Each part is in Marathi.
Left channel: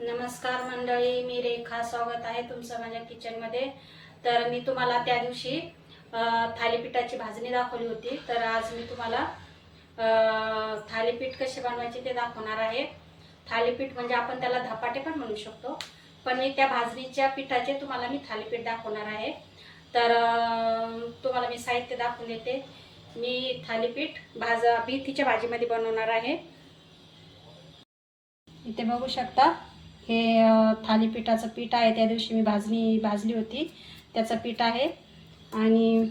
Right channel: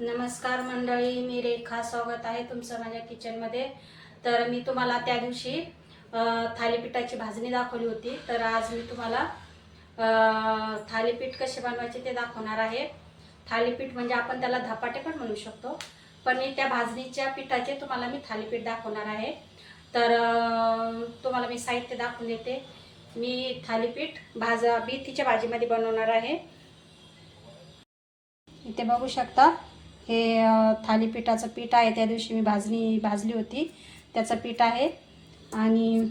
नमस्कार मंडळी, मी रेखा. स्वागत आहे तुमचं माझ्या किचनमध्ये. तर मी तुम्हाला त्या दिवशी थालीपीठाची भाजणी दाखवली होती. तर आज मी तुम्हाला थालीपीठ कसे बनवायचे ते दाखवणार आहे. थालीपीठ म्हणजे आपण त्याला धपाटे पण म्हणू शकतो, पण मी त्या भाजणीच्या पिठाचे तुम्हाला मी थालीपीठ दाखवणार आहे. तर तुम्हाला मी साहित्य दाखवून देते. मी थालीपीठ मेथीच्या भाजीमध्ये बनवणार आहे. इथे बघू शकता, हे थालीपीठाचं पीठ आहे. त्या दिवशी मी भाजली होती त्याचं पीठ आहे. आणि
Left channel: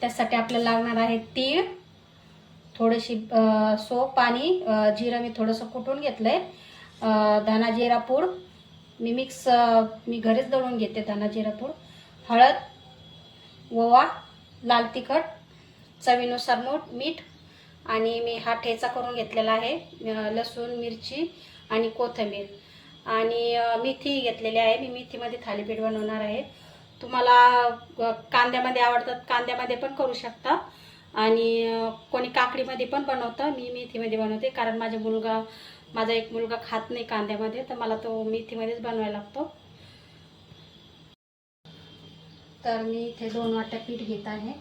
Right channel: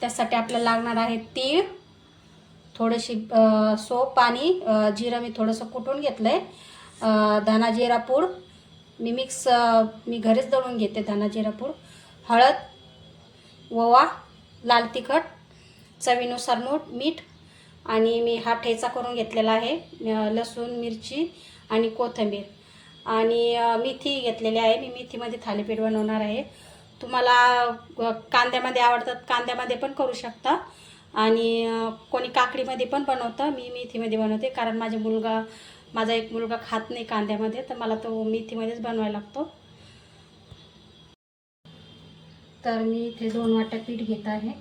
त्यासाठी आपल्याला लागणार आहे तीळ, थोडीशी सोप आणि जिरं मी थोडंसं कुटून घेतलं आहे. धना जिरा पूड मी घरीच दळून घेते. धना जिरा पूड, हळद, ओवा, लाल तिखट, चवीनुसार मीठ आणि मी हा ठेचा करून घेतलेला आहे. लसूण, मिरची आणि कोथिंबीर आणि मेथी घेतलेली आहे. मी मेथीमध्ये थालीपीठ बनवणार आहे. तुम्हाला कांद्यामध्ये आवडतात, कांद्यामध्ये पण करू शकता आणि कोणी काकडीमध्ये पण बनवतं. मी मेथीमध्ये बनवते, कारण माझा एक मुलगा खात नाही कांद्यामध्ये, तर मला तो मेथीमध्येच बनवायला लागतो. तर मी इथे 2 वाट्या पीठ घेत आहे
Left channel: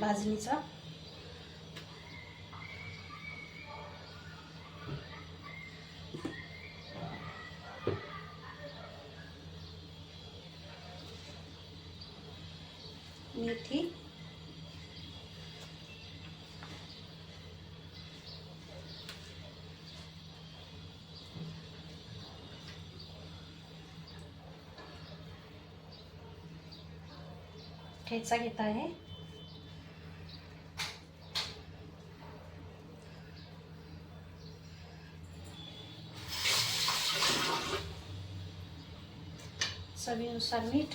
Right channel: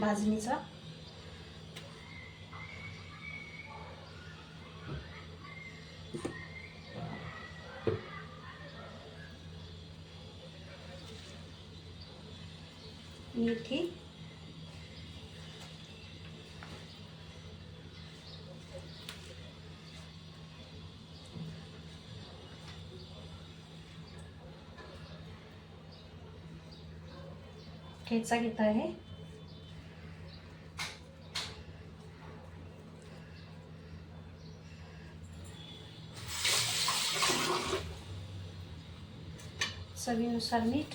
भाजणीचा. मेथी, ठेचा घेत आहे. चवीनुसार मीठ,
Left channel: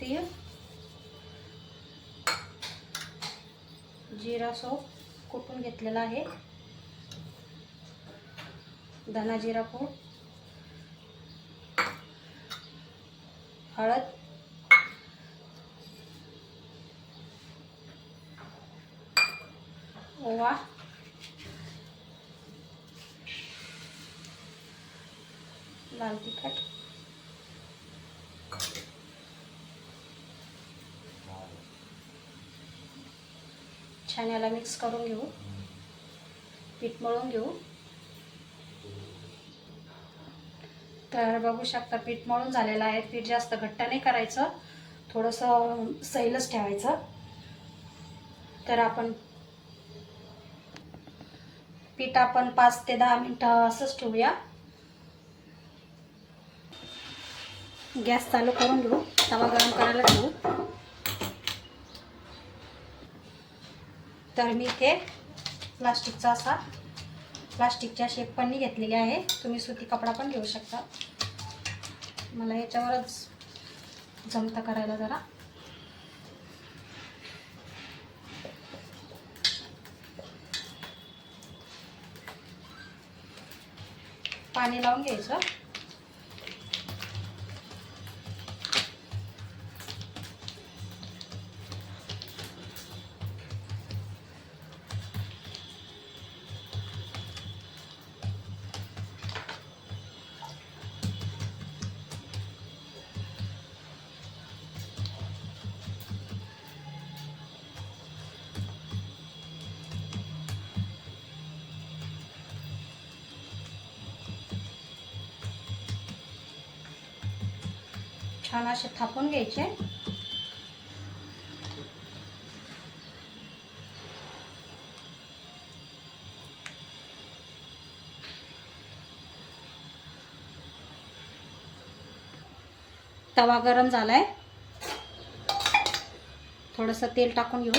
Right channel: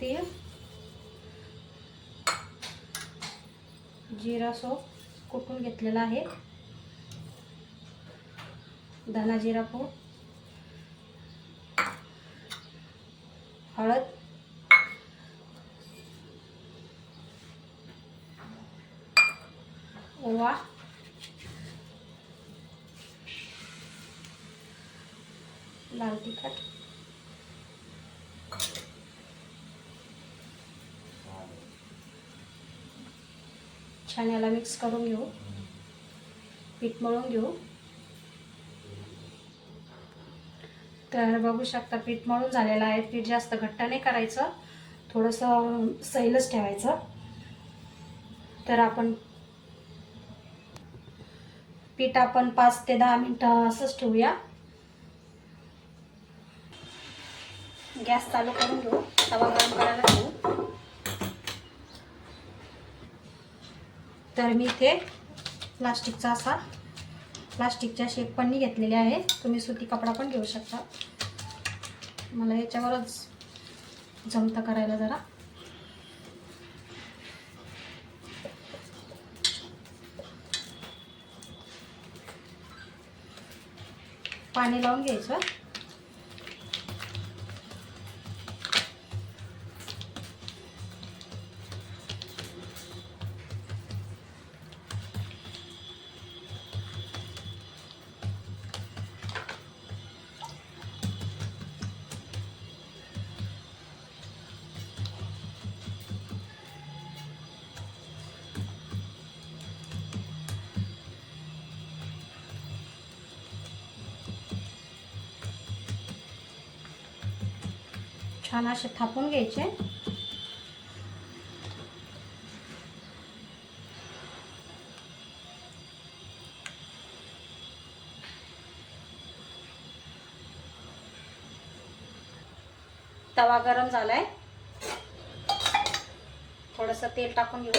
तीळ, जिरा सोप कुटून घेतलेला आहे, धना जिरा पूड, हळद, ओवा, लाल तिखट, छान याला मिक्स करून घेऊ. पीठ मळून घेऊ. तर बघू शकता, पीठ मळून झालेलं आहे. पीठ जास्त घट्ट नाही करायचं, थोडंसं सैलच ठेवायचं. तर आपण पीठ 5 ते 10 मिनिटं असंच ठेवूया. गॅस चालू करून घेऊ, तवा गरम करायला घेऊ. तर मी इथे प्लास्टिकच्या शेकपन्नी घेतलेली आहे. तुम्ही सुती कपडा पण घेऊ शकता. मला याच्यावरच जमतं करायला जरा. पाणी लावून घ्यायचं. छान असे थापून घ्यायचे. तवा गरम झालाय, थोडंसं तेल टाकून घेऊ.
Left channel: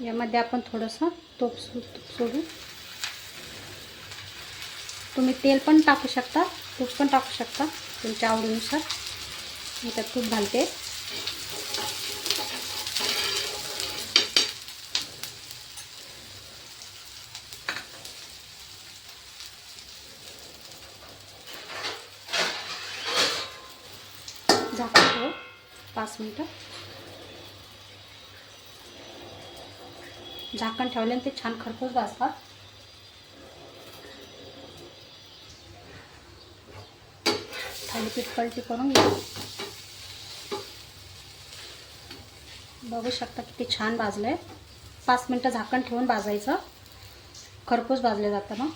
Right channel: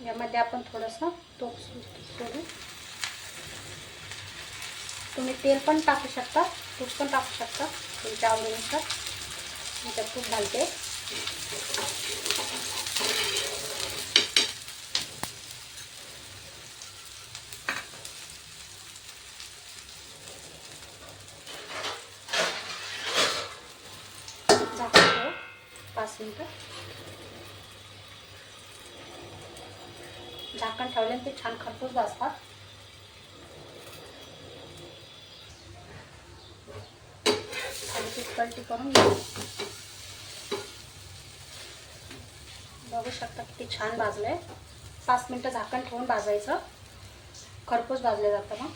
यामध्ये आपण थोडंसं तूप सोडू. तुम्ही तेल पण टाकू शकता, तूप पण टाकू शकता तुमच्या आवडीनुसार. मी त्यात तूप घालते. झाकण ठेवू 5 मिनिटं. झाकण ठेवल्याने ते छान खरपूस भाजतात. थालीपीठ पलटी करून घेऊ. बघू शकता किती छान भाजलंय. 5 मिनिटं झाकण ठेवून भाजायचं, खरपूस भाजले जातं मग.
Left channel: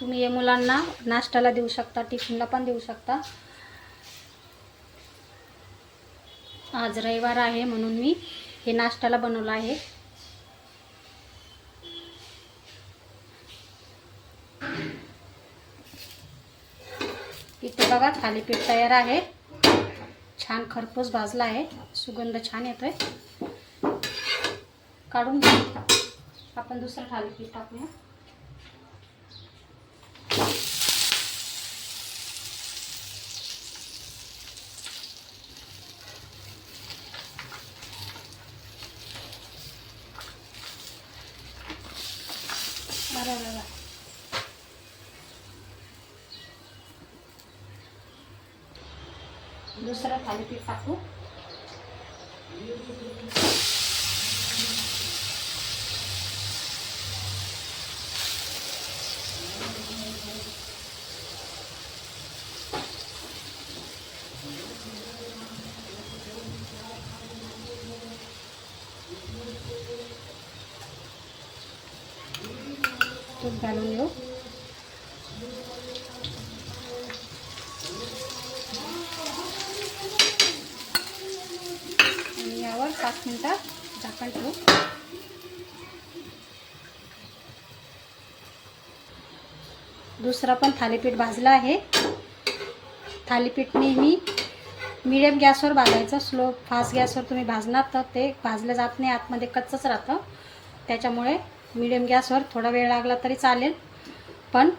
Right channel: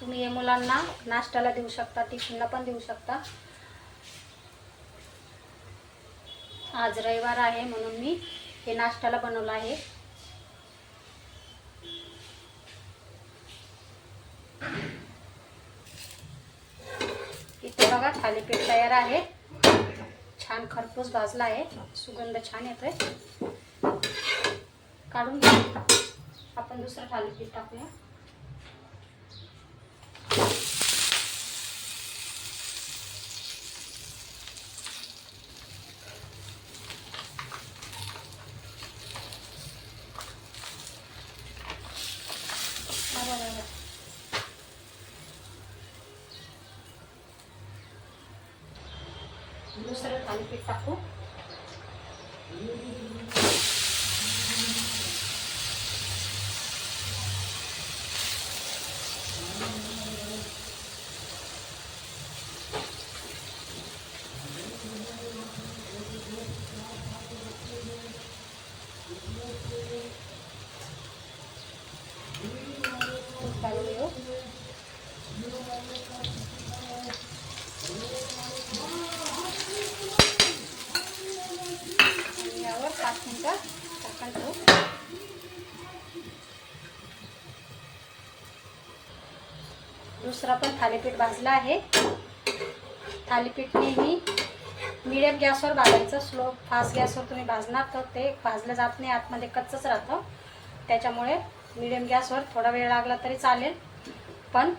तुम्ही हे मुलांना नाश्त्याला देऊ शकता, टिफिनला पण देऊ शकता. आज रविवार आहे म्हणून मी हे नाश्त्याला बनवलं आहे. इथे बघा थालीपीठ तयार आहे. छान खरपूस भाजला आहे, सुगंध छान येतोय. काढून घेऊ. आपण दुसरं थालीपीठ टाकूया. दुसरं थालीपीठ टाकू. तूप घालून घेऊ. आणि यावर 5 मिनिटं झाकण ठेवू. दुसरं पण थालीपीठ भाजलं आहे. थालीपीठ नेहमी मिडियम गॅसवर भाजायचं. स्लो फास्ट गॅसवर तुम्ही भाजणार तर ते भाजलं जात नाही, आतमध्ये कच्चंच राहतं. त्याच्यामुळे मिडियम गॅसवर थोडा वेळ लागला तरी चालेल, पण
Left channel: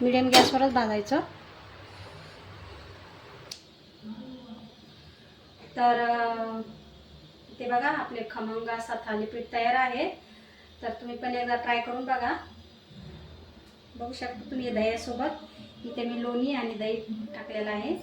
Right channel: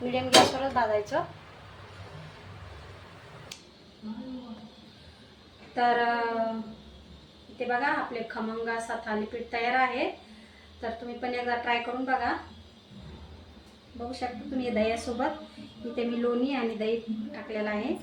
मिडियम गॅसवरच भाजायचं. तर ते बघा आपले खमंग असा थालीपीठ तयार आहे. तर तुम्ही पण एकदा ट्राय करून बघा. बघू शकता तुम्ही दह्यासोबत. इथे मी लोणी आणि दही टाकलेलं आहे.